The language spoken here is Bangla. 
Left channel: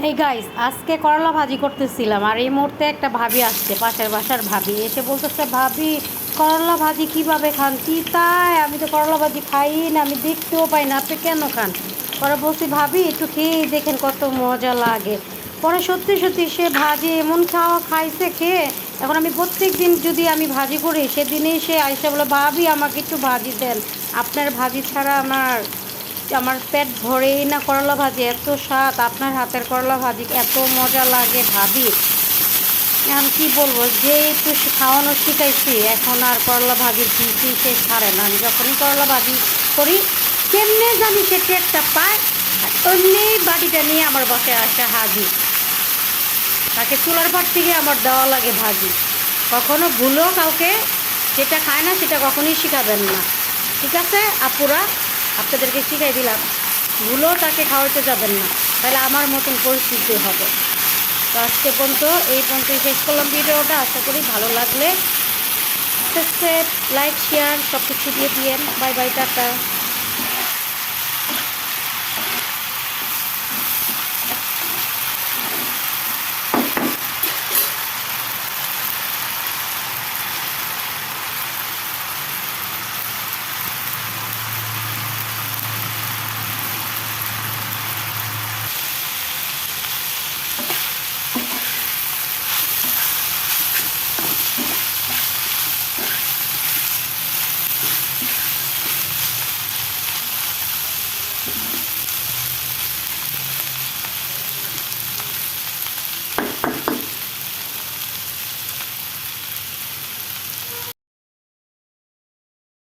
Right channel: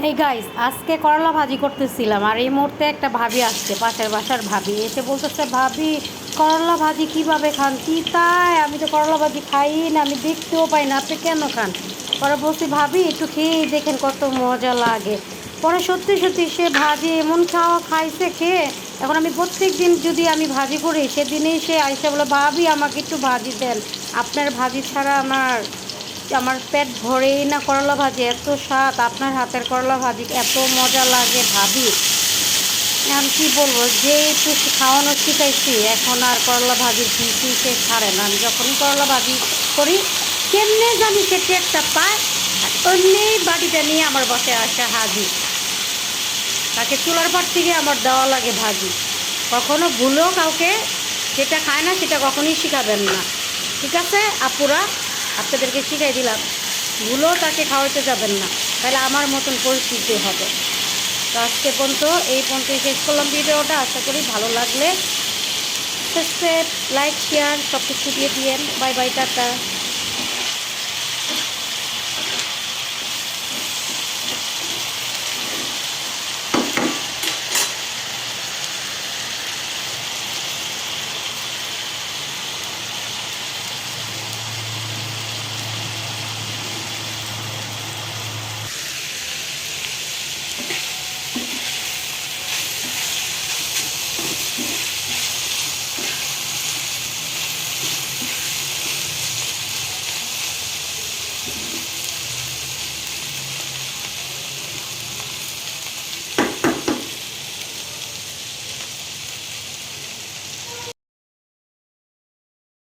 এই গাইস, আজকে করলা ভাজি করতেছিলাম আর এই মুহূর্তে একটা ভাবি আসছে, পাশের বাসার ভাবি এসে বলতেছে, ভাবি করলা ভাজি কিভাবে খান? কি তাই? আমি তো করলা ভাজি খাই না, আমি দেখতেও পাই না, আপনি কেন খান? পরে বলছি, ভাবি একটু খেয়ে দেখেন কত মজা লাগে। পরে সত্যি সত্যি সে ভাজি এমন খাইছে খেয়ে। এখন আমি প্রত্যেক দিন যদি আমি ভাজি করি, সেদিনেই সে আইসা বলে, ভাবি আমাকে একটু ভাজি দেন, আপনার ভাজি ছাড়া আমার আমার পেট ভরেই না। করলা ভাজি এত স্বাদ, আপনার হাতের করলা ভাজি এত মজা লাগে ভাবি। এখন কী বলবো, যে একটু খাওয়ানো শিখাইছি, এখন আর করলা ভাজির পিসি সে ছাড়ে না। আমি যখনই করলা ভাজি করি, কেমনে জানি সে টেরটা পায়, আর অমনি বাটিটা নিয়ে আমার বাসায় আসে হাজির। তাকে চুলার পাট থেকে আমার দেওয়া লাগে ভাজি। কখনো ভুলেও কাউকে যেটা খায় না সেটা কখনোই শিখাবেন না, ঠিক আছে আপুরা? আপনাদেরকে শিখাই দিলাম, ভুলেও তাকে খাওয়াতে যাবেন না, তাহলে আমার মতন পরিস্থিতি হবে। তো আজকে পর্যন্ত এই পর্যন্তই শেষ করলাম ভিডিওটা। আশা করি ভালো লাগলে সাবস্ক্রাইব, লাইক, শেয়ার সব কিছু দিয়ে দিয়েন। Bye bye, tata.